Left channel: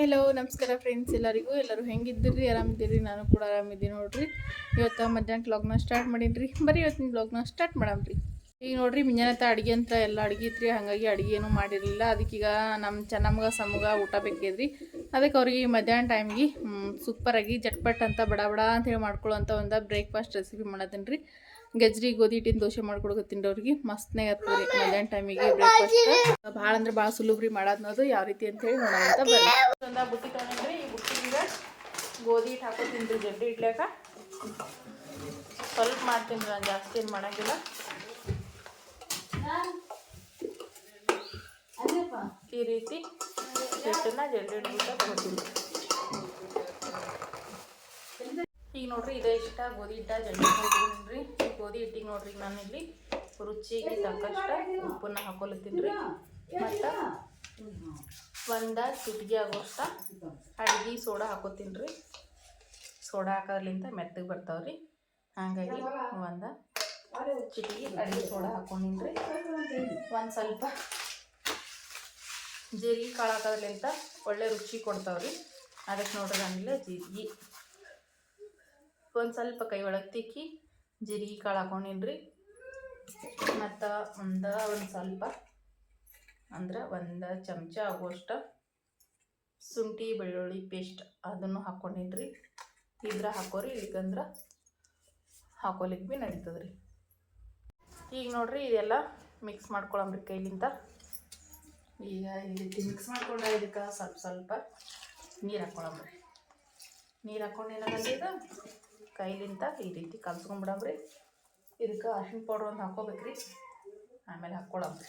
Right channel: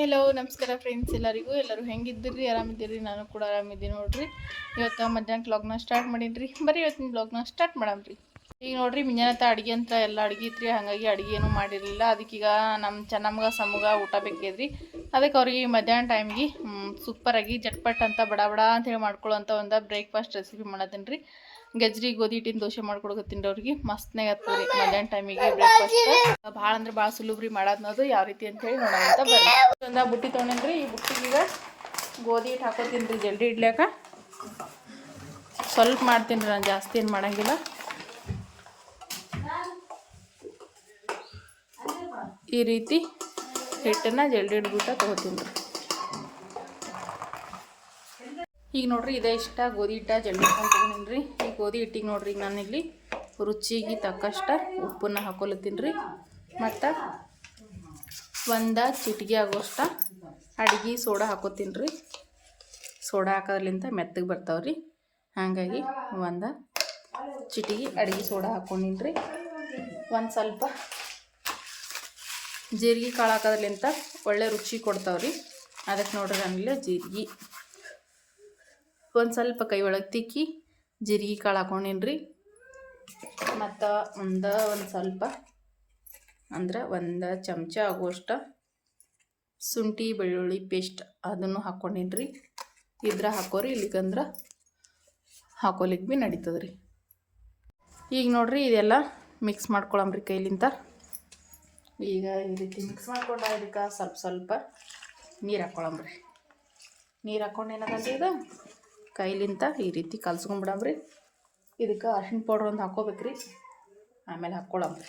Hello ನಮಸ್ಕಾರ friends ಎಲ್ಲರಿಗೂ. ಎಲ್ಲರೂ ಹೆಂಗಿದ್ದೀರಿ? ಆರಾಮಿದ್ದೀರಿ? ನಾನು ಕೂಡ ಆರಾಮಿದ್ದೀನಿ ನೋಡ್ರಿ. ಇವತ್ತು ಮಧ್ಯಾಹ್ನ ಬ್ಲಾಗ್ನ ಸ್ಟಾರ್ಟ್ ಮಾಡೀನಿ ಬರೀ ಇವತ್ತಿನ ಬ್ಲಾಗ್ನ ಸ್ಟಾರ್ಟ್ ಮಾಡಮ್ರಿ. ಈಗ ನೋಡ್ರಿ ಮಿಂಜಾನತ್ತ ಅಡುಗೆ ಅಂತ ಎಲ್ಲ ಅಡುಗೆ ರೀ ಹಾಗಾಗಿ ಅಡುಗೆ ಏನೂ ಮಾಡಿರಲಿಲ್ಲ. ಅದಕ್ಕೀಗ ನಮ್ಮ ಚೆನ್ನಮ್ಮಗ, ಸಮಗ ಊಟ ಬೇಕಿದ್ರಿ. ಅದಕ್ಕೆ ಅವ್ರಿಗೆ ಮಧ್ಯಾಹ್ನ ಟೈಮ್ಗೆ ಸೂಪರಾಗಿ ಜಟ್ಪಟ್ ಅಂತ ಬಡ ಬಡ ಅಂತ ಹೇಳಿ ಮಾಡ್ಕೊಳ್ಳೋಂಥ ಒಂದು ಬ್ರೇಕ್ಫಾಸ್ಟ್ ರೆಸಿಪಿ ಮಾಡತ್ತೀನಿ ರೀ ಗಜ್ರಿ ಗೋಧಿ ಹಿಟ್ಟಿನ ದೋಸೆ ಮಾಡ್ಕೊಡೋಕೆ ಅವ್ರಿಗೆ. ಮಸ್ತ್ನಾಗ ಆಗ್ತದೆ ರೀ ಮಧ್ಯಾಹ್ನ ಟೈಮಿಗೆ ಬ್ರೇಕ್ಫಾಸ್ಟ್ ಭಾಳ ಅಂದ್ರೆ ಭಾಳ ಸುಲಭ ರೀ ಯಾವ ರೀತಿ ಅಂತ ಹೇಳಿ ನೋಡೋಣ ಅಂತ ಬರ್ರಿ ಒಂದು ಬುಟ್ಟಿ ತೊಗೊಂಡ್ರಿ ಈ ಬುಟ್ಟಿಗೆ ಗೋಧಿ ಹಿಟ್ಟು ಹಾಕೋತೀನಿ ರೀ ಜಲ್ದಿ ಇಡ್ಲಿಕ್ಕೆ ಸ್ವಲ್ಪ ಮಾಡ್ತೀನಿ ರೀ ನಾನು ಜಾಸ್ತಿ ಏನು ಮಾಡಂಗಿಲ್ಲ. ಈ ರೀತಿ ಹಿಟ್ಟನ್ನು ಜಲ್ದಿ ಹಿಡ್ಬಿಟ್ಟು ತೊಗೋತೀನಿ ಈಗ ನೋಡ್ರಿ ಇದೇ ಇಷ್ಟ ಗೋಧಿ ಹಿಟ್ಟ ಹಾಕೊಂಡಿದ್ದೀನಿ ರೀ ಈ ಗೋಧಿ ಹಿಟ್ಟಿಗೆ ನೋಡ್ರಿ ಈಗ ನಾನಿಲ್ಲಿ ರುಚಿಗೆ ತಕ್ಕಷ್ಟ ಉಪ್ಪನ್ನ ಹಾಕೊಲತ್ತೀನಿ ರೀ ಮತ್ತು ಒಂದು ಚಿಟಿಗೆ ಆಗೋಷ್ಟ ಅಡುಗೆ ಸೋಡಾ ಹಾಕೋತೀನಿ ರೀ ಸೋಡಾ ಹಾಕೋದ್ರಿಂದ ಮೆತ್ತಗೆ ಬರ್ತಾವೆ ರೀ ಹಾಗಾಗಿ ಒಂದು ಚಿಟಿಗೆ ಅಡುಗೆ ಸೋಡಾ ಹಾಕೊಂಡಿನಿ ರೀ ಒಂದು ಸ್ವಲ್ಪ ಜೀರಿಗೆ ಕಾಳು ಹಾಕೋದ್ರಿಂದ ಒಳ್ಳೆ ರುಚಿ ಕೊಡ್ತಾವ್ರಿ. ಅದಕ್ಕೆ ನೋಡ್ರಿ ನಾನಿಲ್ಲ ಜೀರಿಗೆ ಒಂದು ಸ್ವಲ್ಪ ಕೈ ಒಳಗೆ ತಿಕ್ಕಿ, ಜೀರಿಗೆ ಕಾಳು ಹಾಕೊಂಡಿನ್ರಿ. ಮತ್ತು ಒಂದು ಒಂದು ಸ್ವಲ್ಪ, ಅಂದ್ರೆ ಒಂದು ಚಮಚ ಆಗುವಷ್ಟು ಶುಂಠಿ, ಬೆಳ್ಳುಳ್ಳಿ ಪೇಸ್ಟ್ ಅದನ್ನು ಹಾಕ್ಕೊಂಡೀನಿ ರೀ ಇದ್ರ ಹಾಕೋರಿ, ಇಲ್ಲಿಗಂದ್ರೆ ಹಾಕೋಲಿಕ್ಕೆ ಭೀ ನಡೀತದ್ರಿ. ಈಗ ನೋಡಿರಿ ಇದೆಲ್ಲ ಮಿಕ್ಸ್ ಮಾಡ್ಕೊಳಂಬ್ರಿ ಕೈಲಿಂತ. ಈಗ ಈ ರೀತಿ ಮಿಕ್ಸ್ ಮಾಡ್ಕೊಂಡ ಇದಕ್ಕೆ ಸ್ವಲ್ಪ ಸ್ವಲ್ಪ ನೀರು ಹಾಕ್ಕೊಳಂಬ್ರಿ ನೀರು ಹಾಕ್ಕೊಂಡು ಏನಾಗತ್ತೆ ಇದು? ಕೈಲಿಂದ ಈ ರೀತಿ ಕಲ್ಸ್ಕೊಂಬಿಡಮ್ರಿ ಇದಕ್ಕೆ ಅರ್ಶಿಣ ಪೌಡ್ರ್ ಒಂದು ಹಾಕ್ಕೋಬೇಕ್ರಿ. ಆಮೇಲೆ ಹಾಕ್ಕೊಳಮ್ರಿ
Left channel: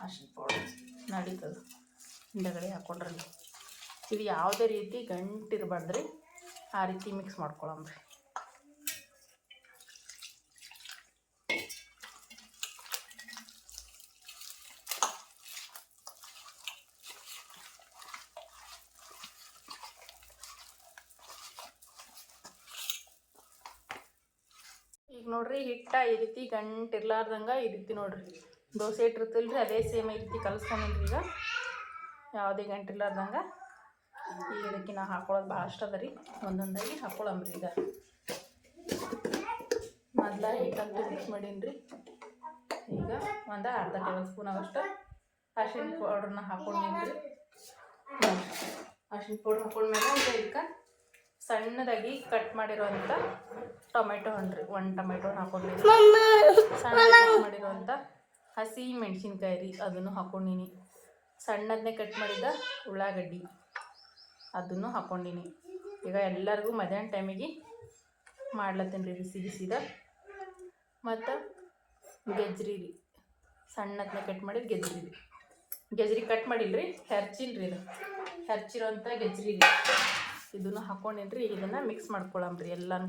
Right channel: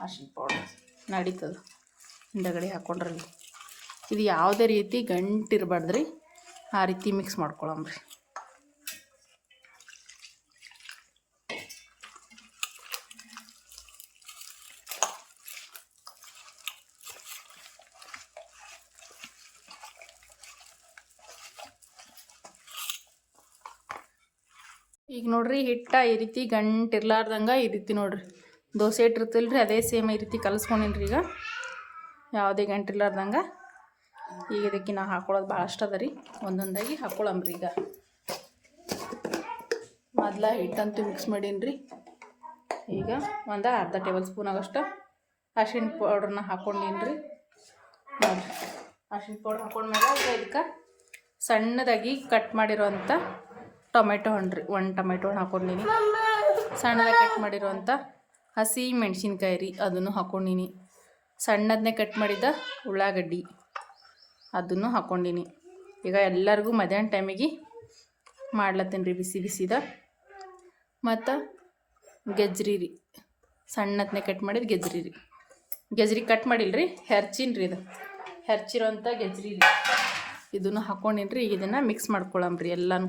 ಅರ್ಶಿಣ ಪೌಡ್ರ್ ನಡೀತದೆ. ಹಿಂದಗಡೆ ಹಾಕ್ಕೊಂಡ್ರಲ್ಲಿ ಇದು ಯಾವುದೇ ರೀತಿ ಗಂಟಿರಬಾರ್ದ್ರಿ. ಆ ರೀತಿ ಮಿಕ್ಸ್ ಮಾಡ್ಕೊಳಮ್ರಿ ಈಗ ನೋಡ್ರಿ ಹಿಟ್ಟ ಈ ರೀತಿ ಗಂಟು ಇರ್ಲಾರ್ದಂಗೆ ಈ ರೀತಿ ನೋಡ್ರಿ. ದೋಸೆ ಇಟ್ಟಿರ್ತಿಲ್ಲ ರೀ ಅದೇ ಸೇಮ್ ಈ ರೀತಿ ಕಲಿಸ್ಕೊಂಡಿನಿ ಈಗ. ಯಾವುದೇ ಗಂಟು ಇರ್ಲಾರ್ದಂಗೆ ಈಗ ಇದಕ್ಕೆ ನಾ ಹಾಕೊಳ್ಳೋದು ಭಾಳಷ್ಟು ಅದ ರೀ. ಒಂದೊಂದಾಗಿ ಹಾಕೊಳ್ಳಂಬ್ರಿ ಈಗ. ಮೊದಲ ಹಿಟ್ಟಂತ ಮಿಕ್ಸ್ ಮಾಡೀನಿ ರೀ ಈಗ ಒಂದು ಅರ್ಧ ಟೇಬಲ್ ಸ್ಪೂನ್ ಆಗೋಷ್ಟು ಅರ್ಶಿಣ ಪೌಡ್ರನ್ನ ಹಾಕೊಂಡೀನಿ ರೀ ಅರ್ಶಿಣ ಪೌಡ್ರ್ ಹಾಕೊಂಡ್ಮೇಲೆ ಈಗ ಇದಕ್ಕೆ ಸಣ್ಣದಾಗಿ ಕಟ್ ಮಾಡಿರೋಂಥ ಟೊಮೆಟೊ ಹಣ್ಣು ರೀ ಒಂದು ಟೊಮೆಟೊ ಹಣ್ಣು ಹಾಕೊಂಡಿನಿ. ಸಣ್ಣದಾಗಿ ಕಟ್ ಮಾಡಿರುವಂಥ ಹಸಿ ಮೆಣಸಿನ್ಕಾಯಿ ರೀ ಅದನ್ನು ಹಾಕೊಂಡಿನಿ. ಸಣ್ಣದನ್ನೇ ಕಟ್ ಮಾಡಿದ ಉಳ್ಳಾಗಡ್ಡಿ ಅದನ್ನು ಹಾಕೊಂಡಿನಿ. ಈಗ ಎಲ್ಲರಿಗೂ ಮಧ್ಯಾಹ್ನ ಟೈಮಿಗೆ ಮಾಡ್ಲತ್ತೀನಿ ರೀ ಬಿಸಿ ಬಿಸಿದ. ಮತ್ತು ಗೆಜ್ರಿ ರೀ ಸಣ್ಣದನ್ನೇ ಕಟ್ ಮಾಡಿದ ಗೆಜ್ರಿ ರೀ. ಗೆಜ್ರಿ ಕಟ್ ಮಾಡಿಲ್ಲ ರೀ ಹೆರ್ಚಿನ ರೀ ಇದು. ಹೆರ್ಚಿರೋಂಥ ಗೆಜ್ರಿ ರೀ. ಇದನ್ನು ಹಾಕೊಂಡಿನಿ ರೀ ಇದನ್ನು ಮಿಕ್ಸ್ ಮಾಡ್ಕೊಳಮ್ರಿ ಎಲ್ಲನೂ.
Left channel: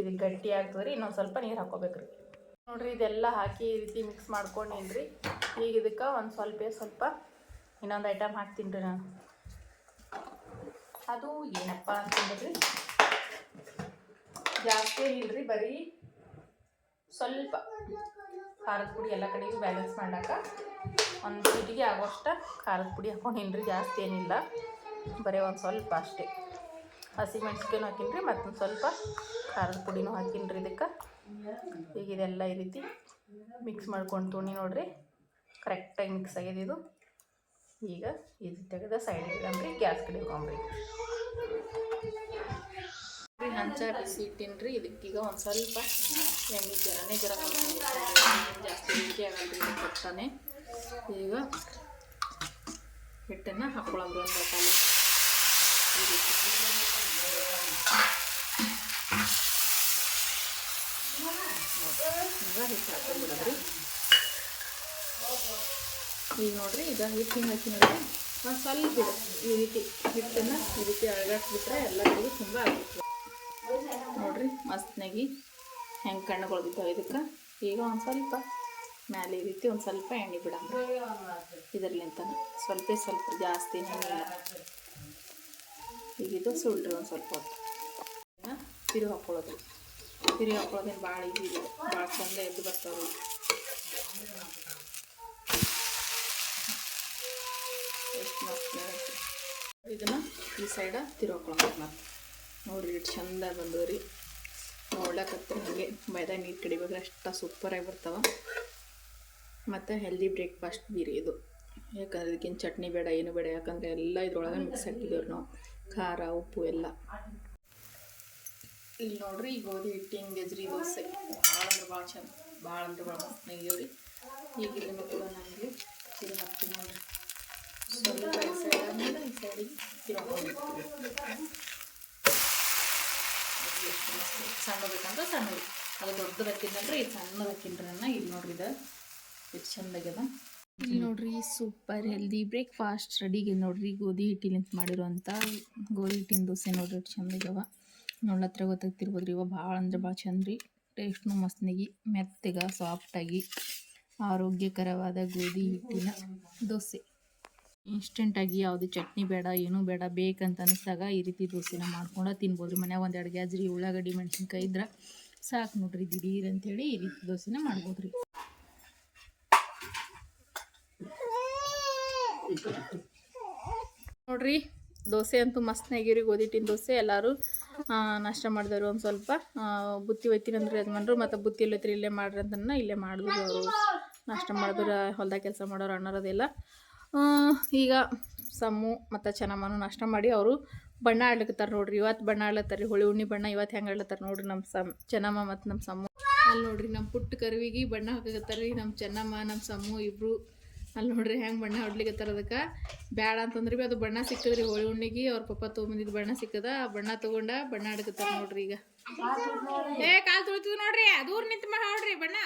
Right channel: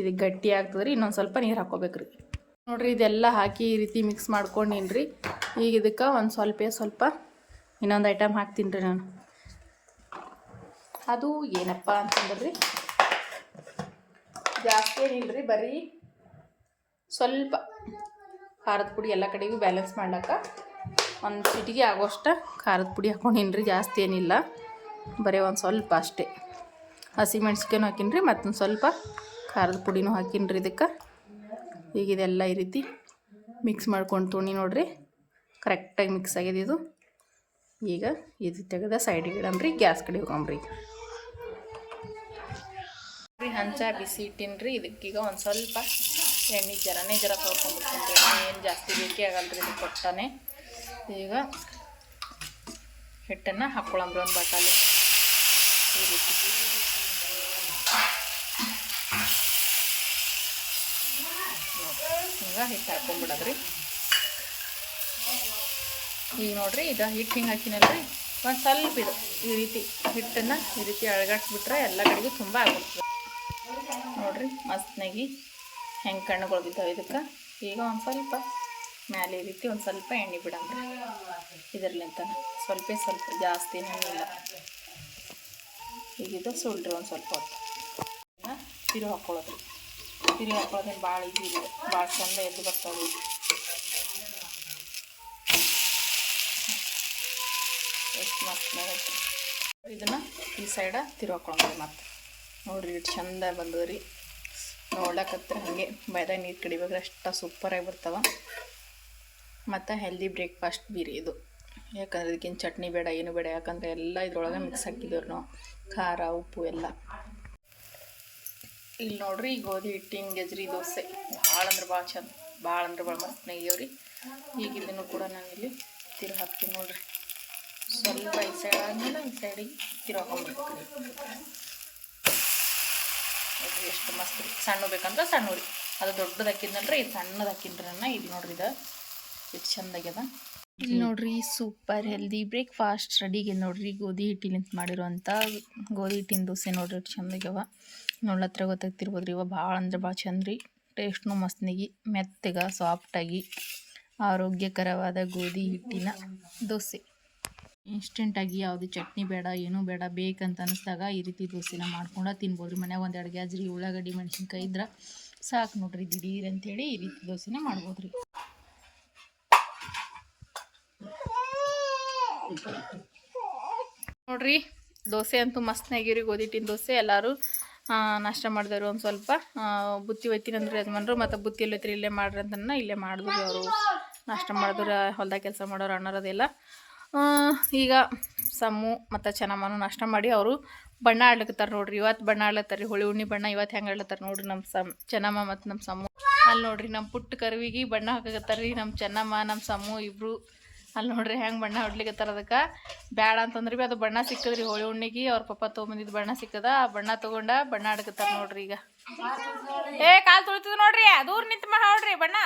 ಇದು ಗಟ್ಟಿ ಆಗ್ತದೆ ರೀ ಇನ್ನೊಂದು ಸ್ವಲ್ಪ ನೀರು ಹಾಕೋಬೇಕ್ರಿ. ನೋಡಿರಿ, ಇದೆಲ್ಲ ಹಾಕಿ ಈ ರೀತಿ ಮಿಕ್ಸ್ ಮಾಡ್ಕೊಂಡಿನ್ರಿ. ಈಗ ಇದಕ್ಕೆ ಒಂದು ಸ್ವಲ್ಪ ಸ್ವಲ್ಪ ಇನ್ನೊಂದು ಐಟಮ್ ಹಾಕ್ತೀನಿ ರೀ ನಾನು. ಅದು ಏನಪ್ಪ ಅಂತಂದ್ರೆ, ಜಾಸ್ತಿ ಏನಿಲ್ಲರಿ ಬರೀ ಸ್ವಲ್ಪ ಖಾರದ ಪುಡಿ ಎಲ್ಲ ಕಡೆಗೂ ಬ್ಯಾಲೆನ್ಸ್ ಮಾಡ್ಲಿಕ್ಕೆ ಒಂದು ಸಿಟಿಗೆ ಆಗೋಷ್ಟ ಖಾರದ ಪುಡಿ ಹಾಕೊಂಡಿನ್ರಿ, ಜಾಸ್ತಿ ಏನಿಲ್ಲ. ಬರೀ ಒಂದು ಸ್ವಲ್ಪ ಅಷ್ಟೇ. ಹಸಿ ಹಾಕಿನ್ರಿ, ಮತ್ತೊಂದು ಸ್ವಲ್ಪ ಖಾರದ ಪುಡಿನೂ ಹಾಕಿನ್ರಿ ಇದಕ್ಕೆ. ಈಗ ಇದೆಲ್ಲ ಈ ರೀತಿ ಮಿಕ್ಸ್ ಮಾಡ್ಕೊಂಡು ತುಣಿ ನೋಡ್ರಿ. ಕರೆಕ್ಟಾಗಿ ಮಿಕ್ಸ್ ಆಗಿದೆ ಇದು. ಈಗ ಇದು ತೆಗೆದ ಸೈಡಿಗೆ ಇಡಮ್ರಿ ಗ್ಯಾಸ್ ಕಡೆ ಹೋಗಮ್ರಿ ಹಂಚ ಬಿಸಿ ಇಟ್ಟಿನ್ರಿ ಇದಕ್ಕೀಗ ಒಂದು ಸ್ವಲ್ಪ ಎಣ್ಣೆ ಜರನೇ ಜರ ಕೊಡ್ಕೊಂಡ್ಬಿಡ್ತೀನಿ ಎಣ್ಣೆ ಏನು ಜಾಸ್ತಿ ಬೇಕಿ ಆಗಲ್ಲ ಇದು ಕೊಟ್ಟಾನೆ. ಈಗ ಹಿಟ್ಟನ್ನು ಹಾಕ್ಕೊಳಂಬ್ರಿ ಒಂದು ಬಟಾಲಿ. ಈ ರೀತಿ. ಈಗ ಹಿಟ್ಟು ಹಾಕೊಂಡ್ಬಿಡೋದ್ರಿ. ಈಗ ನೋಡಿರಿ ಇದು ಹಿಟ್ಟು ಹಿಂಗೆ ಹಾಕಿನಲ್ರಿ. ಒಂದು ಸ್ವಲ್ಪ ಇದು, ಈ ರೀತಿ ಹಿಟ್ಟನ್ನು ಈ ರೀತಿ ಅಳಗಾಡ್ಸ್ಬಿಟ್ರೆ ಎಲ್ಲ ಕಡೆಗೂ ತುಂಬ ಆಗ್ಬಿಡ್ತದೆ ನೋಡ್ರಿ, ಮಸ್ತ್ನಾಗಿ ಹೆಂಗೆ ಕಣ್ಣುಗಳು ಬಿದ್ದಾವೆ ಇದಕ್ಕೆ. ಈಗ ಒಂದು ಸ್ವಲ್ಪ ಮ್ಯಾಲೆ ಈ ರೀತಿ ಒಂದು ಸ್ವಲ್ಪ ಎಣ್ಣೆ ಬಿಡಂಬ್ರಿ. ಇದರ್ಲಿಂತನ ಸ್ವಲ್ಪ ಸ್ವಲ್ಪ, ಜಾಸ್ತಿ ಎಣ್ಣೆ ಈಗ ಇದು ಸುಳ್ರಿ ಒಂದು ಸ್ವಲ್ಪ ಹೊತ್ತು. ತಿರು ಹಾಕ್ಕೊಳ್ಳೋದ್ರಿ ತಿರುಗಿ ಹಾಕೊಳ್ಳೋದೇನು ಭಾಳ ಈಸಿ ಇದೆ. ಭಾಳ ಚಂದ ಎದ್ದು ಬರ್ತಾವೆ ಎಷ್ಟು ಮಸ್ತ್ ಇದನ್ನು ಈ ಸೈಡ ಹಾಕೊಳ್ಳೋಣ ಮತ್ತೆ. ನೋಡಿರಿ ಇಷ್ಟು ಚಂದ ಬಂದದ್ರಿ ನೋಡ್ಲಕತ್ರ ಹಂಗೆ ಮೈದಾ ನೀರು ಕಡಿಬೇಕ್ರೆ ಅಷ್ಟು ಸೂಪರಾಗಿ ಬರ್ತಾವ. ಮತ್ತು ಹೆಲ್ದಿ ಬ್ರೇಕ್ಫಾಸ್ಟ್ ಬೀರಿ ಇದು. ಯಾಕಂದ್ರೆ ಇದಕ್ಕಿಂತ ಚಟ್ನಿ ಬೇಡ, ಏನು ಬೇಡ, ಯಾಕಂದರೆ ಎಲ್ಲ ಇದ್ರೊಳಗೆ ಮಿಕ್ಸ್ ಹಾಕಿದ್ದೇವ್ರಿ ನಾವು. ಖಾರ, ಉಪ್ಪು, ಎಲ್ಲ. ಇಲ್ಲಿ ನೋಡ್ರಿ ಗೋಧಿ ಹಿಟ್ಟಿನ ಗೆಜ್ರಿ ದೋಸೆ. ಭಾಳ ಅಂದ್ರೆ ಭಾಳ ಚಂದ, ಭಾಳ ಅಂದ್ರೆ ಭಾಳ ಮಸ್ತ್ ಈಗ ಕೂಡ ನಾನು ಇಲ್ಲಿ ತಿರು ಹಾಕ್ತೀನಿ ನೋಡ್ರಿ. ಸ್ವಲ್ಪ ಈ ಸೈಡ್ ಆದ್ಮೇಲೆ ಈ ಸೈಡಿಗೆ ತಿರು ನೋಡ್ರಿ ಎಷ್ಟು ಮಸ್ತ್ ರೀ. ಸಣ್ಣ ಬೇಕಂದ್ರೆ ಸಣ್ಣ ರೀ. ಅದು ದೊಡ್ಡದು ಹಾಕಿದ್ನಲ್ರಿ, ಇದು ಸಣ್ಣದು ಹಾಕಿನ್ರಿ ಇಲ್ಲಿ ನೋಡ್ರಿ ಇದು. ಎಷ್ಟು ಚಂದಾಗ್ಯದ. ಇಲ್ಲಿ ನೋಡ್ರಿ ಸೂಪರ್ ಹೆಲ್ದಿ ಬ್ರೇಕ್ಫಾಸ್ಟ್ ರೆಡಿಗೆ ನೋಡ್ರಿ ಗೋಧಿ ಹಿಟ್ಟಿಲಿಂತ ಮಾಡಿರುವಂಥ ಗೋಧಿ ಹಿಟ್ಟಿನ ದೋಸೆ ನೋಡ್ರಿ, ಎಷ್ಟು ಚಂದಾಗ್ಯವ. ನೋಡ್ಲತ್ರ ಗೊತ್ತಾಗ್ತಿರ್ಬೋದು ರೀ ಇವ ಭಾಳ ಅಂದ್ರೆ ಭಾಳ ಚಂದ ರೀ. ಟೇಸ್ಟ್ನು ಮಸ್ತ್ನಿಗಿ, ಮೆತ್ತಗ ಸಾಫ್ಟಾಗಿ ಆರೋಗ್ಯಕರವಾದ ಗೋಧಿ ಹಿಟ್ಟಿನ ದೋಸೆ. ಇನ್ಸ್ಟೆಂಟಾಗಿ ಯಾವುದು ಚಟ್ನಿ ಬೇಡ, ಏನೂ ಬೇಡ, ಬೇಕಂತ ಅನಿಸ್ದಾಗ ಈ ರೀತಿ ದೋಸೆನ ಮಾಡ್ಕೊಂಡು ತಿನ್ಬೋದು ರೀ ಮನ್ಯಾಗ ಒಂದು ಎರಡು ಗ್ಯಾಜ್ರಿ ಉಳ್ಳಾಗಡ್ಡಿ, ಮೆಣಸಿನ್ಕಾಯಿ ಇದ್ರೆ ಸಾಕು ನೋಡ್ರಿ. ದಿಢೀರ್ ಅಂತೇಳಿ ಈ ರೀತಿ ದೋಸೆನ ಮಾಡ್ಬೋದು ರೀ ನೋಡ್ರಿ, ದೋಸೆ ಅಂತೂ ಮಸ್ತ್ನಾಗಿರಿ ಗೋಧಿ ಹಿಟ್ಟಿನ ದೋಸೆ. ಎಲ್ಲರೂ ನಾಷ್ಟ ಮಾಡಿದವರು ಒಂದು ಸ್ವಲ್ಪ ಬುತ್ತಿ ಒಯ್ತೀನಿ ಅಂದ್ರೆ ಯಜಮಾನರು, ಮತ್ತು ಬುತ್ತಿ ಎಲ್ಲ ಇಲ್ಲೇ ಮಾಡ್ರಿ ಅಂತನ ಇಲ್ಲೇ ಮಾಡಿದ್ರು ಅವರು. ನಾಷ್ಟ ಮಾಡಿದ್ರು, ಹೊಲ್ದಾಗ ಕೆಲಸ ಮಾಡೋರು ಅಣ್ಣರದೆಲ್ಲ ಈಗ ಸಮ್ಮು ಮತ್ತು ಚೆನ್ನಮ್ಮನೂ ನಾಷ್ಟ ಮಾಡಿ ಅವರು ಬಣ್ಣ ಆಡ್ಲಿಕ್ಕೆ ನೋಡ್ರಿ. ಇವತ್ತು ಬಣ್ಣ ಆಡ್ಲತ್ತಾರ ಹೋಳಿ ಉಣ್ಣಿ ಬಣ್ಣ ಇವತ್ತು ಹೆಂಗೆ ಆಡ್ಲತ್ತಾರ ನೋಡ್ರಿ ನಮ್ಮ ಸಮ್, ಚೆನ್ನಮ್ಮ ಮತ್ತು ನಮ್ಮ ಸಮ್ಮು ಅಲ್ಲಿ ನೋಡ್ರಿ ನಮ್ಮ ಪುಟ್ಟ ಕರುವಿಗೆ ಬಣ್ಣ ಹಾಕಕತ್ತಾರ ರೀ ನಮ್ಮ ಚೆನ್ನಮ್ಮ ನಮ್ಮ ಸಮ್ಮು ಇಬ್ಬರು ಅಲ್ಲಿ ನೋಡ್ರಿ ಹೆಂಗೆ ಬಣ್ಣ ಹೊಡ್ಲಿಕತ್ತಾರ ಅದಕ್ಕೆ. ಬ್ಯಾಡ ಅಂತಂದ್ರೆ ಭೀ ಅದು ಬಣ್ಣ ಸಿಕ್ಕದ್ರಿ ಹೋಳಿ ಹುಣ್ಣಿಗೆ ಅವ್ರ ಪಪ್ಪ ತೊಗೊಂಬಂದಿದ್ದು ಬಣ್ಣ ಸಿಕ್ಕದ ಆ ಬಣ್ಣ ತೊಗೊಂಡ ಬಣ್ಣ ಆಡ್ಕತ್ತಾರ ನೋಡ್ರಿ ಈಗ. ಏ ಕಾಲು ತುಳಿತದ ನೋಡ್ರಿ ದೂರ ನಿಂತು ಮಾ ಬಣ್ಣ.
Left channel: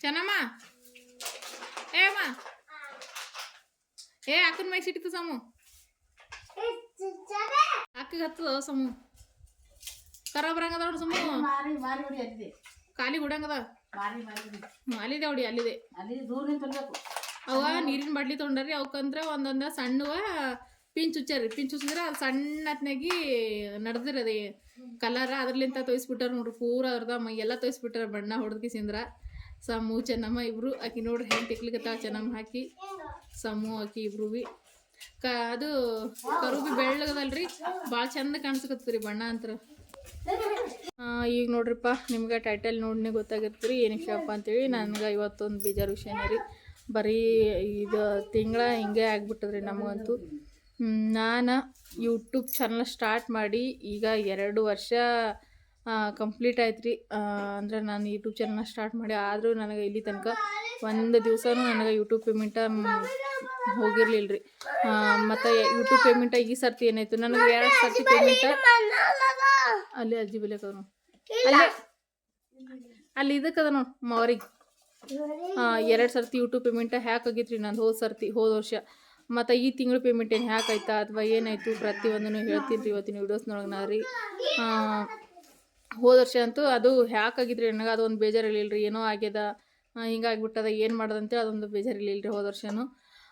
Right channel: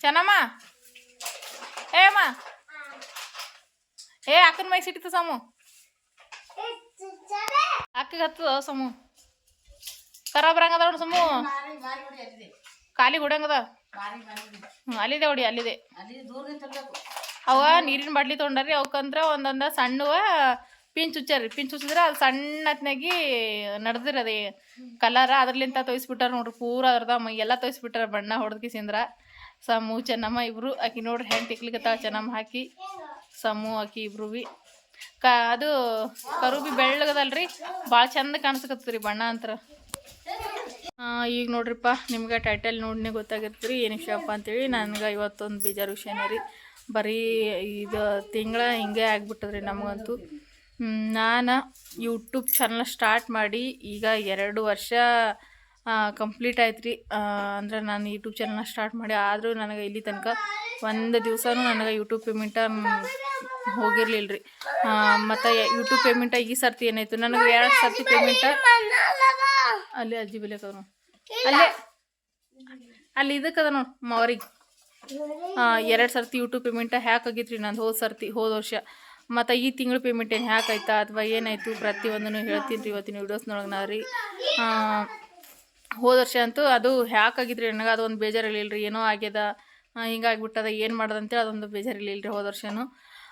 ಚೆನ್ನಮ್ಮ. ಏ ಅಮ್ಮ. ಏ ಅಕ್ಕನ ಮೈಗೆ ಸಿಟ್ಟಿತು ಸಮು. ಅಕ್ಕಗೆ ಹತ್ತದ ಸಮು. ಕರಾಬ್ರಂಗದ ಸಾಮು ನೋಡಿ ಸಮು. ಖಾಲಿ ಗುಡಂಗದ ಅಲ್ಲಿದೆ ಹೊಡಿ ಅಲ್ಲಿದೆ. ಅವ ನೀರಿನ ಬಾಟ್ಲಿ ತೊಗೊಂಡ್ರಿ ಅವಕ್ಕಂದ್ರೆ ಒಂದೊಂದ ಸಣ್ಣವ ಪಿಂಚ್ ಹುಚ್ಚಾರಿ ಪಿಂಚ್ ಹುಚ್ಚಿದ್ರೆ ಅದು ಸಣ್ಣತ್ನಾಗಿ ನಡ್ದಿರ ಅದೇ ಕಲರ ಅದ್ರಲಿಂತ ತೋರಿಸ್ಬಿಟ್ಟಾರ ನೋಡ್ರಿ ಪೂರ ಅದ್ರದ ಮೈ ಎಲ್ಲ ತೋರಿಸ್ಬಿಟ್ಟಾರ ಬಣ್ಣ ಹೊಡೆದ್ಕಿಸಿಂದ್ರ ಸಮೂ ಚೆನ್ನಮ್ಮ ಇಬ್ರು ಆಕಿ ನೋಡ್ರಿ ಹೆಂಗೆ ತಿಕ್ಲಿಕ್ಕತ್ತಾವ ಚೆನ್ನಮ್ಮ ಹಾಕಿ ಸಮೂ ಆಕಿ ಇಬ್ರು ಬಿ ಕ ಅದು ಕರು ಬಿ ಬೆಳ್ಳಗದಲ್ರಿ ಭಾಳ ಚಂದ ಕಾಣಿಸ್ಕತ್ತದ್ರಿ ಬಣ್ಣ ಅಂತರ. ಈಗ ನೋಡ್ರಿಪ್ಪ, ನಿಮ್ಗೆ ಟೈಟಲ್ ನೋಡಿನೇ ಗೊತ್ತಾಗಿರ್ತೀರಿ ಏನು ವಿಷಯಪ್ಪ ಅಂತೇಳಿ. ನನಗೆ ಇವತ್ತೊಂದು ಬೀಜಾರು ವಿಷಯನೇ ರೀ. ಬರೀ ಇದು ತಿಂಗಳ ಹಿಂಗೆ ಆಗ್ಬಿಟ್ಟದ್ರಿ ನಮಗಂತೂ. ನಾನು ಯೂಟ್ಯೂಬ್ ಚಾನಲ್ ಸ್ಟಾರ್ಟ್ ಮಾಡಿ ಈಗ ಎರಡು ವರ್ಷ ಕಂಪ್ಲೀಟ್ ಆಯ್ತು ರೀ ಅಂದ್ರೆ ನಾನು ಯೂಟ್ಯೂಬ್ ಚಾನಲ್ನ ಸ್ಟಾರ್ಟ್ ಮಾಡಿ, ಆದರೂ ನನಗೆ ಇಲ್ಲಿ ತನಕ ಒಂದು ದಿವಸನೂ ನನಗೆ ಯೂಟ್ಯೂಬ್ ಪೇಮೆಂಟ ಹೋಗಿರಲಿಲ್ಲ ರೀ ಮತ್ತು ಯೂಟ್ಯೂಬ್ ಪೇಮೆಂಟ ಈ ಸರ್ತಿ ಏನಾಯಿತು? ನನಗೆ ಎರಡು ಸರ್ತಿ ಪೇಮೆಂಟ ಅಲ್ಲಿ ಅಜ್ಜಿ ಬೆಲೆಕವ್ರು ಅಲ್ಲೇ ಅಲ್ಲಿ ಇದಕ್ಕದ ನೋಡಿ ಮವರಿಗೆ. ಎರಡು ಸರ್ತಿ ಯೂಟ್ಯೂಬ್ ಪೇಮೆಂಟ್ ಹ್ಯಾಕ್ ಆಗೈತ್ರಿ ನಂದು ಹೋದ ಸರ್ತಿ ಹೋದ ವರ್ಷ. ಮತ್ತು ಈ ತಿಂಗಳು ಪೇಮೆಂಟ್ ಏನು ಹ್ಯಾಕ್ ಆಯ್ತಾ ಅಥವಾ ಏನಾಯಿತು ಪ್ರತಿಯೊಂದನ್ನು ಹೇಳ್ತೀನಿ ರೀ ಇವತ್ತಿನ ವೀಡಿಯೋಸ್ನೊಳಗೆ ನಾ ರೀ. ಹೋದ ವರ್ಷ ಅಂತೂ ಅದು ಹ್ಯಾಕ್ ಆಗಿದ್ರಿ ನನಗೆ ಅದೊಂದು ಬೇಜಾರಿರಲಿಲ್ಲ ರೀ ಏನೋ ಆಗ್ಯದ ಹಿಂಗಾಗ್ಬಿಟ್ಟದ ಏನು ಮಾಡೋದಂತೇಳಿ ಅದೊಂದು ಬೇಜಾರಿರ್ಲಿಲ್ಲ ರೀ ಹೋದ ವರ್ಷನೂ.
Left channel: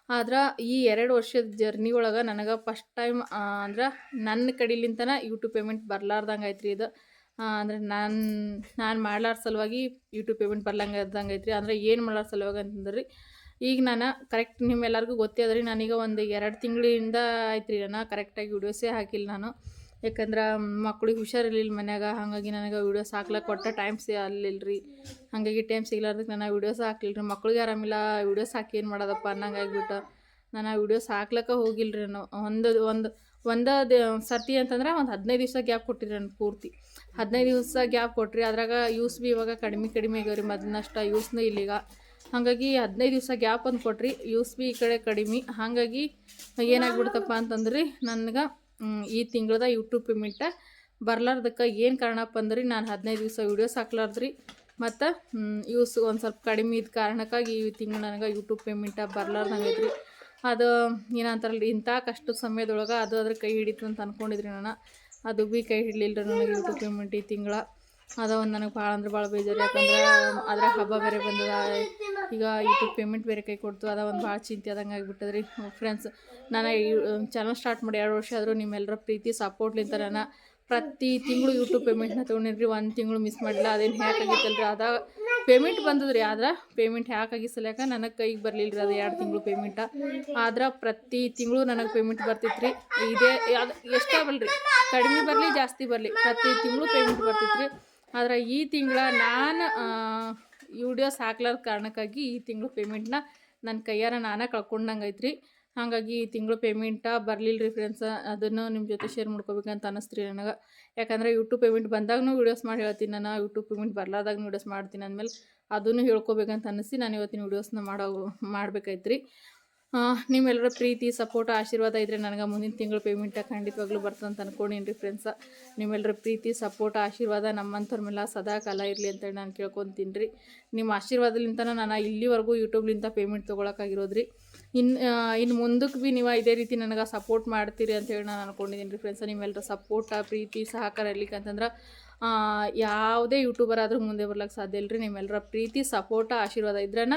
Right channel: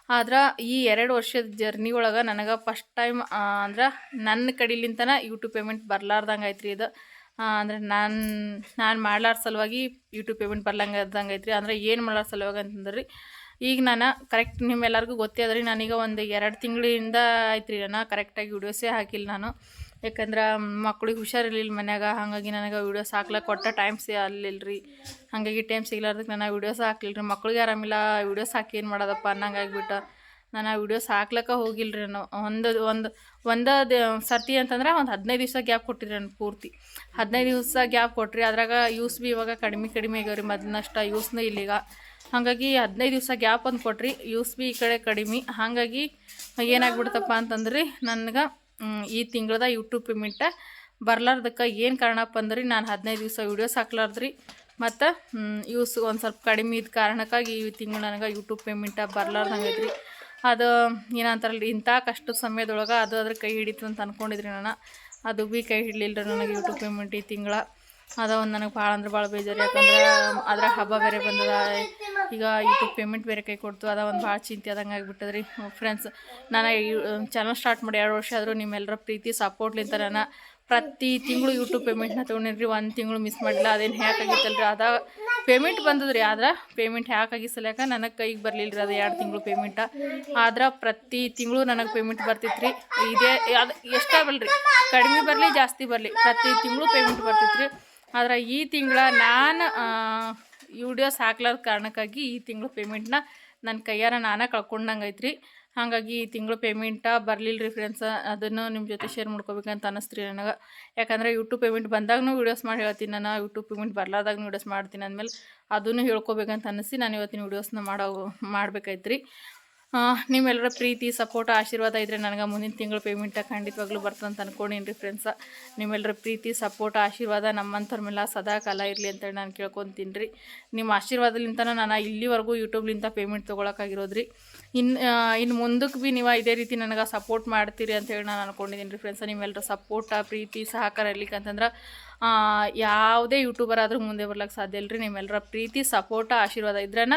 ಆದ್ರೆ ಈ ಎರಡು ವರ್ಷದ ಜರ್ನಿ ಒಳಗೆ ನನಗೆ ಫಸ್ಟ್ ಟೈಮ್ ಅಂದ್ರೆ ನನ್ನ ಕಡೆಲಿಂತನ ಯೂಟ್ಯೂಬ್ ಪೇಮೆಂಟ್ ಬರ್ಲಾರ್ದಂಗೆ ಐತ್ರಿ ಇದು ಅಂದ್ರೆ ನಾನು ನಾನು ಮಾಡ್ಲಾರ ಸಲುವಾಗಿ ಯೂಟ್ಯೂಬ್ ಪೇಮೆಂಟ್ ಬರ್ಲಂಗೆ ಇದ್ದಂಗೆ ಐತ್ರಿ ಅಂದ್ರೆ ಏನು ಮಾಡ್ಲಾರ ಸಲುವಾಗಿ ಅಂತಂದ್ರೆ, ಈಗ ನಾನು ಕರೆಕ್ಟ್ ನಿಮ್ಮೆಲ್ಲರಿಗೂ ಗೊತ್ತೇ ಅದ ರೀ ನಾನೀಗ ಒಂದು ಎರಡು ತಿಂಗಳಿಂದ ಐತ್ರಿ, ನಾನು ಕರೆಕ್ಟಾಗಿ ವಿಡಿಯೋಸೇ ಹಾಕಿಲ್ಲ ನಾನು. ಯಾಕಂದ್ರೆ ಮಕ್ಳಿಗೆ ಹುಷಾರಿರ್ಲಿಲ್ಲ ಮನ್ಯಾಗ, ಹಾಗಾಗಿ ನನಗೆ ವೀಡಿಯೋಸ್ ಹಾಕ್ಲಕ್ಕೆ ಕೊಟ್ಟ ಟೈಮ್ ಸಿ ಅಲ್ಲಿಲ್ಲ ರೀ ಹಾಗಾಗಿ ಟೈಮ್ ಸಿಗ್ಲಾರ್ದಕ್ಕೆ ನಾನು ವೀಡಿಯೋಸ್ ಹಾಕ್ಲಿಲ್ಲ ರೀ ಮಕ್ಳಿಗೆ ಆರಾಮಿಲ್ಲ ವೀಡಿಯೋಸ್ ಹಾಕಿ ಏನು ಮಾಡೋದಪ್ಪ ಅನ್ನಂಗೆ ಆಗ್ಬಿಟ್ಟು ನಾನು ಆ ವೀಡಿಯೋಸ್ ಹಾಕ್ಲಕ್ಕ ರೀ ನಾನು. ಒಂದು ಒಂದು ಒಂದು ಸರ್ತಿ ಅಂತಂದ್ರೆ ಒಂದು ಹದಿನೈದು ದಿವಸ ಗ್ಯಾಪ್ ಕೊಟ್ಟಿರಿ ನಾನು ಪೂರ್ತಿ. ಹದಿನೈದು ದಿವಸ ಗ್ಯಾಪ್ ಕೊಟ್ರಿ, ಅದ್ರಾಗ ಯೂಸ್ ಬಿ ಇವಾಗ ಕಡಿಮೆ ಕಡಿಮೆ ಆಗ್ಯಾವ ರೀ ಮೊದಲಿನಷ್ಟ ಯೂಸ್ನೂ ಇಲ್ಲಿಗ. ಹಾಗಾಗಿ ಹದಿನೈದು ದಿವಸ ಗ್ಯಾಪ್ ಒಂದು ಕೊಟ್ರಿ ಯೂಸ್ ಬಿ ಈ ಕಡೆ ಕಡಿಮೆ. ಹಾಗಾಗಿ ಏನಾಗ್ಬಿಡ್ತಪ್ಪ ಅಂತಂದ್ರೆ, ನನಗೆ ಈ ತಿಂಗಳದ ಯೂಟ್ಯೂಬ್ ಪೇಮೆಂಟ ಬರ್ಲಾರ್ದಕ್ಕೆ ಏನು ಕಾರಣಪ್ಪ ಅಂದ್ರೆ? ನಾನು ಹದಿನೈದು ದಿವಸ ವೀಡಿಯೋಸ್ ಹಾಕ್ಲಾರ್ದ್ರಿ. ಮತ್ತು ಯೂಸ್ ಒಂದು ಸ್ವಲ್ಪ ಕಡಿಮೆ ಇದ್ದ ಕಾರಣಕ್ಕಾಗಿ ಈ ತಿಂಗಳು ನನಗೆ ಯೂಟ್ಯೂಬ್ ಪೇಮೆಂಟ ಬರ್ಲಾರ್ದಂಗೆ ಐತ್ರಿ ಅದು ಏನಂತಾರಲ್ಲ ಇಂಥ ಕಷ್ಟದ ಸಮಯದೊಳಗೆ ಅದು ಅದ್ರ ಕೈ ಹಿಡಿತು ಅಂತ ಅಂದ್ಕೊಂಡಿದ್ರಿ ನಾನು. ಅದು ಭೀ ಕೈ ಹಿಡಲಿಲ್ಲ ನನಗೆ ಯೂಟ್ಯೂಬ್ ಪೇಮೆಂಟ್ ಈ ತಿಂಗಳ. ಅದ ಒಂದು ನನಗೆ ಭಾಳ ಅಂದ್ರೆ ಭಾಳ ಬೇಜಾರು. ಯಾಕಂದ್ರೆ ಅದ್ರ ಹಬ್ಬ ಬೇರೆ ಬಂದದ. ಈಗ ಯೂಟ್ಯೂಬ್ ಪೇಮೆಂಟ್ ಬೇರೆ ಕೈ ಕೊಡ್ತು. ಅದ ಒಂದು ಭಾಳ ಚಿಂತೆ ಆದಂಗೆ ಆಗಿಬಿಟ್ಟದ್ರಿ ರೀ ಫ್ರೆಂಡ್ಸ್ ನಾನು ಚಾನಲ್ ಸ್ಟಾರ್ಟ್ ಮಾಡಿ ಎರಡು ವರ್ಷ ಆದರೂ ನಿಮ್ಮೆಲ್ಲರ ಪ್ರೀತಿ ಸಪೋರ್ಟ್ಲಿಂತ ನಾನು ಪ್ರತಿ ತಿಂಗಳು ಯೂಟ್ಯೂಬ್ ಪೇಮೆಂಟ್ನ ತೊಗೊಂಡಿನಿ ಒಂದು ತಿಂಗಳು ಮಿಸ್ ಮಾಡಿಲ್ಲ ಅದೇನು ಹ್ಯಾಕ್ ಆಗಿತ್ತಲ್ರಿ? ಅದ ಪೇಮೆಂಟ್ ಬಂದದ್ರಿ. ಆದ್ರೆ ಪೇಮೆಂಟ್ ಹ್ಯಾಕ್ ಸಲ್ಯಾಕ ನನಗೆ ಕೈಗೆ ಬರಲಿಲ್ಲ ರೀ ಅದು ಎರಡು ತಿಂಗಳು ಪೇಮೆಂಟ ಆದ್ರೆ ಪ್ರತಿ ತಿಂಗಳು ನನಗೆ ಪೇಮೆಂಟ್ ಬರ್ತಿತ್ತು ರೀ ಇದೇ, ಅದು ಎಷ್ಟೇ ಬರಲಿ ಕಡಿಮೆ ಬರಲಿ, ಜಾಸ್ತಿ ಬರಲಿ. ಪ್ರತಿ ತಿಂಗಳು ಪೇಮೆಂಟ್ ಬರ್ತಿತ್ತು ರೀ ಆದ್ರೆ ಈ ತಿಂಗಳ ನಾನು ವಿಡಿಯೋಸ್ ಹಾಕ್ಲಾರ್ದ ಕಾರಣಕ್ಕಾಗಿ ಈ ತಿಂಗಳು ಪೇಮೆಂಟ್ನ ನನ್ನ ಕೈಯಾರ ನಾನೇ ಕಳ್ಕೊಂಡಂಗೆ ಐತ್ರಿ ಹಾಗಾಗಿ ಈ ತಿಂಗಳು ಪೇಮೆಂಟ ಬರಲಿಲ್ಲ ರೀ ಫ್ರೆಂಡ್ಸ್ ಅದನ್ನು ನಿಮ್ಮ ಜೊತೆ ಶೇರ್ ಮಾಡ್ಕೋಬೇಕಂತ ಅನ್ನಿಸ್ತೀರಿ ನನಗೆ. ಯಾಕಂದರೆ ಯೂಟ್ಯೂಬ್ ಪೇಮೆಂಟ್ ಬಂದಾಗೂ ವೀಡಿಯೋಸ್ ಮಾಡಿ ಹೇಳ್ತೀನಿ ನಾನು ಯೂಟ್ಯೂಬ್ ಪೇಮೆಂಟ್ ಬರ್ಲಾದಾಗ ವೀಡಿಯೋಸ್ ಮಾಡ್ತೀನಿ ಅಂದಮೇಲೆ ಅದನ್ನು ಹೇಳ್ಕೊಬೇಕಂತ ಅನ್ನಿಸಿ ನಾನು ಇವತ್ತಿನ ವೀಡಿಯೋಸ್ನ ಮಾಡೋ ಮಾಡ್ಬೇಕಾಯ್ತು ಆ, ನಿಮ್ಮೆಲ್ಲರ ಪ್ರೀತಿ ಸಪೋರ್ಟ್ ಆಶೀರ್ವಾದ ಇದ್ದರೆ ನನಗೆ ಮುಂದಿನ ತಿಂಗಳು ಪೇಮೆಂಟ್ ಖಂಡಿತವಾಗ್ಲೂ ಬರ್ತಂತ ರೀ ಫ್ರೆಂಡ್ಸ ನಿಮ್ಮೆಲ್ಲರ ಪ್ರೀತಿ ಸಪೋರ್ಟ್ ಆಶೀರ್ವಾದ ನಮ್ಮಂಥವ್ರ ಮೇಲೆ ಸದಾ ಕಾಲ ಇರಲಿ ಅಂತೇಳಿ ನಾನು ಕೇಳ್ಕೊತೀನಿ ರೀ ನಿಮ್ಮ ಆಶೀರ್ವಾದಲಿಂತ ನಾನು ಇಲ್ಲಿವರೆಗೂ ಯೂಟ್ಯೂಬ್ಲಿಂದ ಪೇಮೆಂಟ್ ತೊಗೊಳಕ್ಕಾಗಿರೋದು ರೀ ಇನ್ನು ಇನ್ನು ಮುಂದಕ್ಕೆ ಭೀ ನೀವು ಇದೇ ರೀತಿ ನನಗೆ ಸಪೋರ್ಟ್ ಮಾಡ್ತೀರಿ ಅಂತೇಳಿ ನಾನು ಅನ್ಕೊಂಡಿದ್ದೀನಿ ರೀ ಫ್ರೆಂಡ್ಸ ನಿಮ್ಮೆಲ್ಲರ ಸಪೋರ್ಟ ಪ್ರೀತಿ, ಸಹಕಾರ ಇರಲಿಕ್ಕೆ ಅಂತಂದ್ರೆ ಯಾವುದೇ ಯೂಟ್ಯೂಬರ್ ಆದರೂ ಮುಂದೆ ಬರ್ಲಿಕ್ಕೆ ಸಾಧ್ಯ ಇಲ್ಲ ರೀ ನಿಮ್ಮೆಲ್ಲರ ಪ್ರೀತಿ ಸಪೋರ್ಟ ಆಶೀರ್ವಾದ ಇದ್ರನ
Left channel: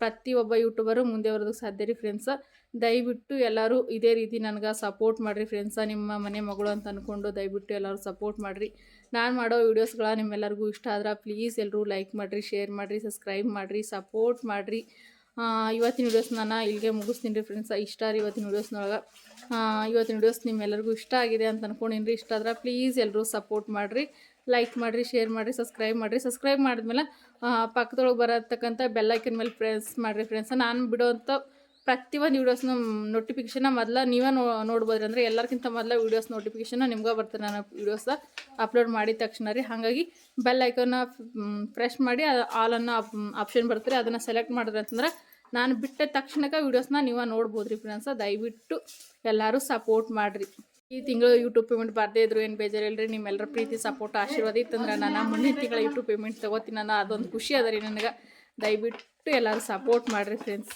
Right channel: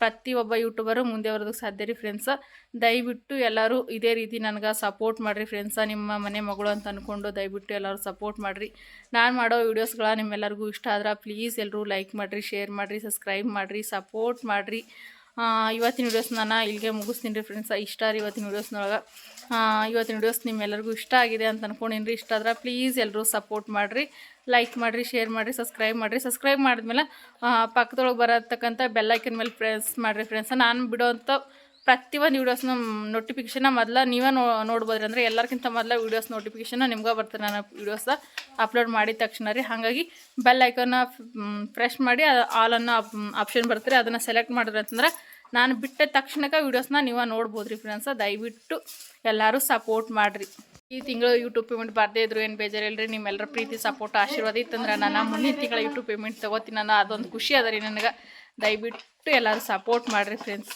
ಪ್ರತಿಯೊಬ್ಬ ಯೂಟ್ಯೂಬರು ಮುಂದೆ ಬರೋದಕ್ಕೆ ಸಾಧ್ಯ ರೀ ಫ್ರೆಂಡ್ಸ ದಯವಿಟ್ಟು ಎಲ್ಲರೂ ಇದೇ ರೀತಿ ನನಗೆ ಸಪೋರ್ಟ್ ಮಾಡಿರಿ ಫ್ರೆಂಡ್ಸ ನಿಮ್ಮ ಮನೆ ಮಗಳು ಅಂತ ಅಂದ್ಕೊಂಡು ದಯವಿಟ್ಟು ಎಲ್ಲರೂ ಸಪೋರ್ಟ್ ಮಾಡಿರಿ. ನಾನು ಮಾಡೋ ವೀಡಿಯೋಸ್ಗಳ ನಿಮ್ಮೆಲ್ಲರಿಗೂ ಇಷ್ಟ ಆದ್ರೆ ಪ್ಲೀಸ್ ಎಲ್ಲರೂ ಲೈಕ್ ಮಾಡಿರಿ ಶೇರ್ ಮಾಡಿರಿ ಸಬ್ಸ್ಕ್ರೈಬ್ ಮಾಡಿರಿ ಸಪೋರ್ಟ್ ಮಾಡಿರಿ. ಇವತ್ತಿನ ವೀಡಿಯೋಸ್ ನಾನು ಇಲ್ಲಿಗೆ ಮುಗಿಸ್ತೀನಿ ರೀ ಫ್ರೆಂಡ್ಸ ಇಷ್ಟ ರೀ ಇವತ್ತಿನ ವೀಡಿಯೋಸ್ನೊಳಗೆ ಇವತ್ತಿನ ವಿಡಿಯೋಸ್ ನಿಮ್ಮೆಲ್ಲರಿಗೂ ಇಷ್ಟ ಆಗಿದೆ ಅಂತ ಅನ್ಕೊಂಡಿನ್ರಿ. ಇಷ್ಟ ಆದ್ರೆ ಪ್ಲೀಸ್ ಎಲ್ಲರೂ ಸಪೋರ್ಟ್ ಮಾಡಿರಿ ಲೈಕ್ ಮಾಡಿರಿ ಶೇರ್ ಮಾಡಿರಿ ಸಬ್ಸ್ಕ್ರೈಬ್ ಮಾಡಿರಿ. ಸಬ್ಸ್ಕ್ರೈಬ್ ಮಾಡಿದ್ಮೇಲೆ ಪಕ್ಕದೊಳಗೆ ಬರತಕ್ಕಂಥ ಬೆಲ್ಲೈಕನ್ ಮೇಲೆ ಪ್ರೆಸ್ ಮಾಡಿರಿ ಫ್ರೆಂಡ್ಸ್ ನಾನು ಬಿಡುವಂಥ ಪ್ರತಿ ಒಂದು ವೀಡಿಯೋಸ್ನ ನೋಟಿಫಿಕೇಶನ್ನ ಮೊದಲ ನೀವೇ ನೋ, ನೋಡ್ಬೋದ್ರಿ. ಅಂದರೆ ಎಲ್ಲರಿಗಿಂತ ಮೊದಲ ವೀಡಿಯೋಸ್ ನೋಟಿಫಿಕೇಶನ್ನ ನಿಮ್ಗೆ ಬರ್ತಾರೆ. ನಾನು ವೀಡಿಯೋಸ ಅಪ್ಲೋಡ್ ಮಾಡಿದ ತಕ್ಷಣ ರೀ. ಹಾಗಾಗಿ ಬೆಲ್ ಐಕನ್ನ ಪ್ರೆಸ್ ಮಾಡಿ ಆಲನ್ನು ಆಪ್ಷನ್ ಬರ್ತಾರೆ. ಅದನ್ನು ಸೆಲೆಕ್ಟ್ ಮಾಡಿದ್ರೆ ಅಂತಂದ್ರೆ ನಾನು ಬಿಟ್ಟ ತಕ್ಷಣಕ್ಕೆ ವೀಡಿಯೋಸ್ನ ನೀವು ನೋಡ್ಬೋದು ರೀ ಫ್ರೆಂಡ್ಸ ದಯವಿಟ್ಟು ಎಲ್ಲರೂ ಸಪೋರ್ಟ್ ಮಾಡಿರಿ. ಈ ತಿಂಗಳು ಯೂಟ್ಯೂಬ್ ಪೇಮೆಂಟ್ ಬರದೇ ಇದ್ರು, ಏನು ಬೇಜಾರಿಲ್ಲ ರೀ ನಿಮ್ಮೆಲ್ಲರ ಪ್ರೀತಿ ಸಪೋರ್ಟ್ ಆಶೀರ್ವಾದ ಇತ್ತಂದ್ರೆ ನಾನು ಮುಂದಿನ ತಿಂಗಳ ಯೂಟ್ಯೂಬ್ ಪೇಮೆಂಟ್ ತೊಗೋತೀನಿ ನಾನು ಅದೊಂದು ಖುಷಿ ಅದ ರೀ ನನಗೆ. ದಯವಿಟ್ಟು ಎಲ್ಲರೂ ಸಪೋರ್ಟ್ ಮಾಡಿರಿ ಫ್ರೆಂಡ್ಸ್